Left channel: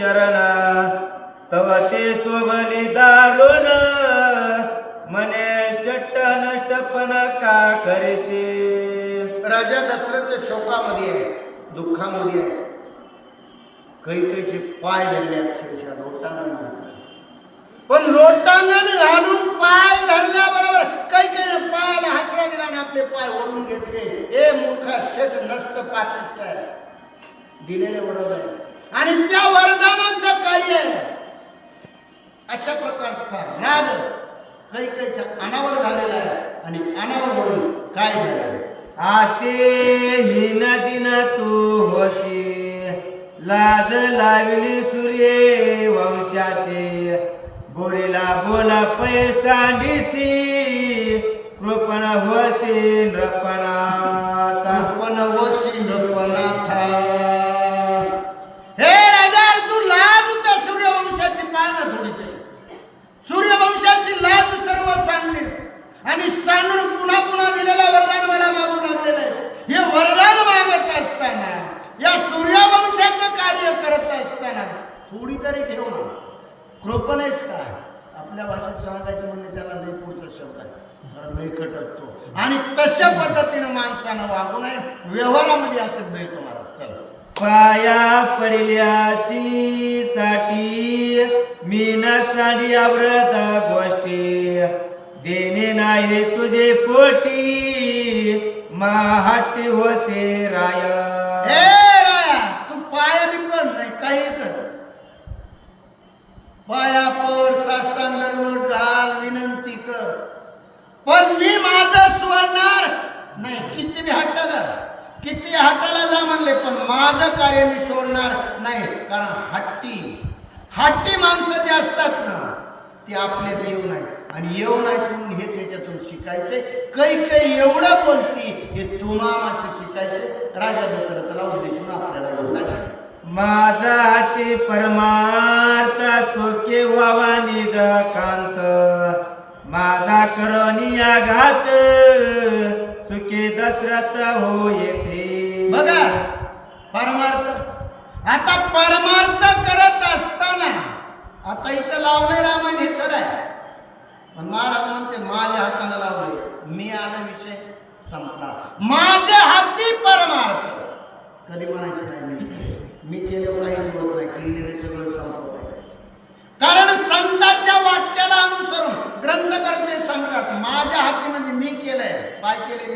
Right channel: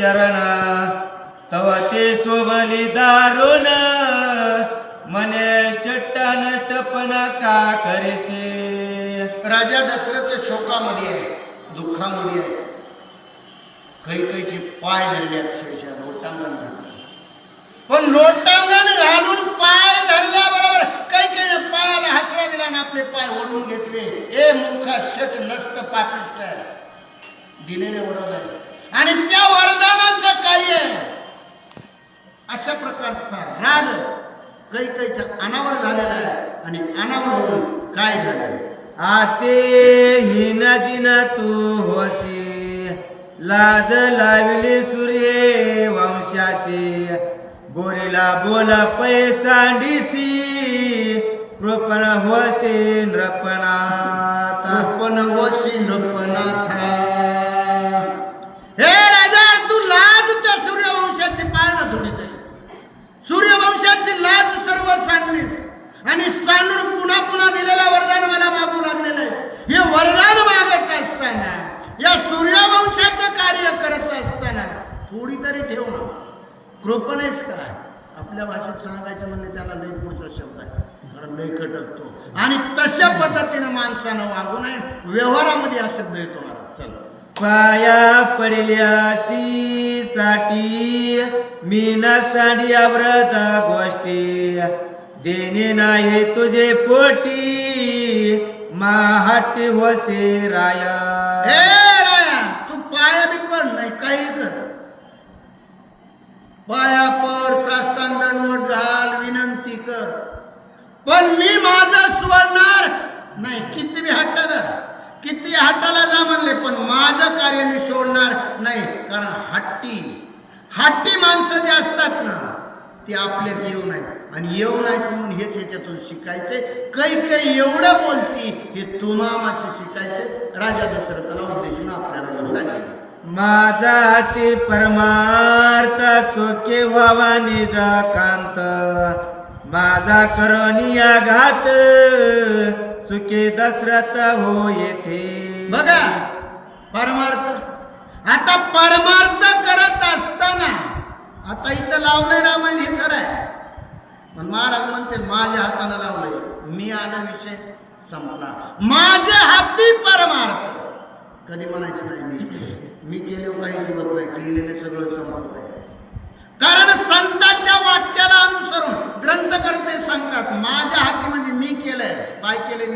चरण तव ते शोभली दारुण मने चट्ट नष्टपणा का करेसे. राजा दशरथ शोकामध्ये आहे, दुःखामध्ये आहे. कैकेयीचे पाय धरले अक्षरशः लोटांगण घातलं. पण लोटांगण घालून पाय धरल्याबरोबर कैकेयीने पायाला हसरा दिला आणि आपले पाय ओढून घेतले. ए मूर्खा, शट, नष्ट, पापिष्ट, दिलेले वरदान आहे आणि त्या वरदानाचं कार्य अशा प्रकारचा राग कैकेयीच्या अनावर झालेला आहे. आणि अनावर होऊन काय झालं? आते हिन दिन तू होशी लाज लाविले सूर्ये वंशासे बोरेला बोल पैसांडीसी कृपण होसे नृपनाथ. पण वशी नृपनाथा. हे राजा, तू लाज त्या सूर्यवंशाची पाळणं थोडी केली. सूर्यवंशाची लाज सर्व सांडलीस आणि सांडून पुन्हा पुन्हा दिलेला वरदान मला मागू लागलेलं आहे. हे वरदान मागत असताना, या सूर्यवंशाचं कार्य करत असताना थोडी तरी ठेव ना. कृपणेच काय आपल्या भाषेत सांगायचं म्हणजे त्याला लई पुढचा शब्द आहे, कारण लई कटकतो. आणि तशा पद्धतीने माणसानं वागू नये. व्यवहारामध्ये हा शब्द येतो मला. चल, पाया पडल्यासी साठी मीना साडी अव्रत गोष्टी देणे नाही तुझे पोटी माहट होसे राया. हे राया, तू पाया बी पड नाही, काही कर, पाया पड, साष्टांग दंडवत घाल, विनंती कर, पण मी माझं सोडणार नाही. किती बी हट्टदार, किती हट्टाला जा म्हणले, पण माझं कार्य मी सोडणार नाही. कारण हट्टी माणसं जे असतात ना, ते आपल्यात येऊ नये आणि येऊ नाहीत म्हणून हेच ह्याच्यातून शिकायचे. कैकेयी एवढं बोलती हे तुम्हाला शिकायचे. राजा दशरथाला उद्देशून आपल्याला बोलायचे. माझा हाती परमार्थ सोके व्हावा निज कांत माझा करोनी आघात सुखे दशरथ हो येथे. बघा, परमार्थ. आता परमार्थ करत असताना आता इथं लावलंय रामायण, हे खरं आहे, पण महाराज म्हणते माझ्या हाताने लावलंय, मी आला, विषय संपला. माझ्या हाती परमार्थ कधी म्हणायचे नाही. मी केलं काही बोलत नाही, केलेले सगळं संपत आहे. कारण संतांच्या वाक्याला अनुसरून ग्रंथकर्ते सांगतात माझ्या हाती म्हणजे मी केलंय. काय केले?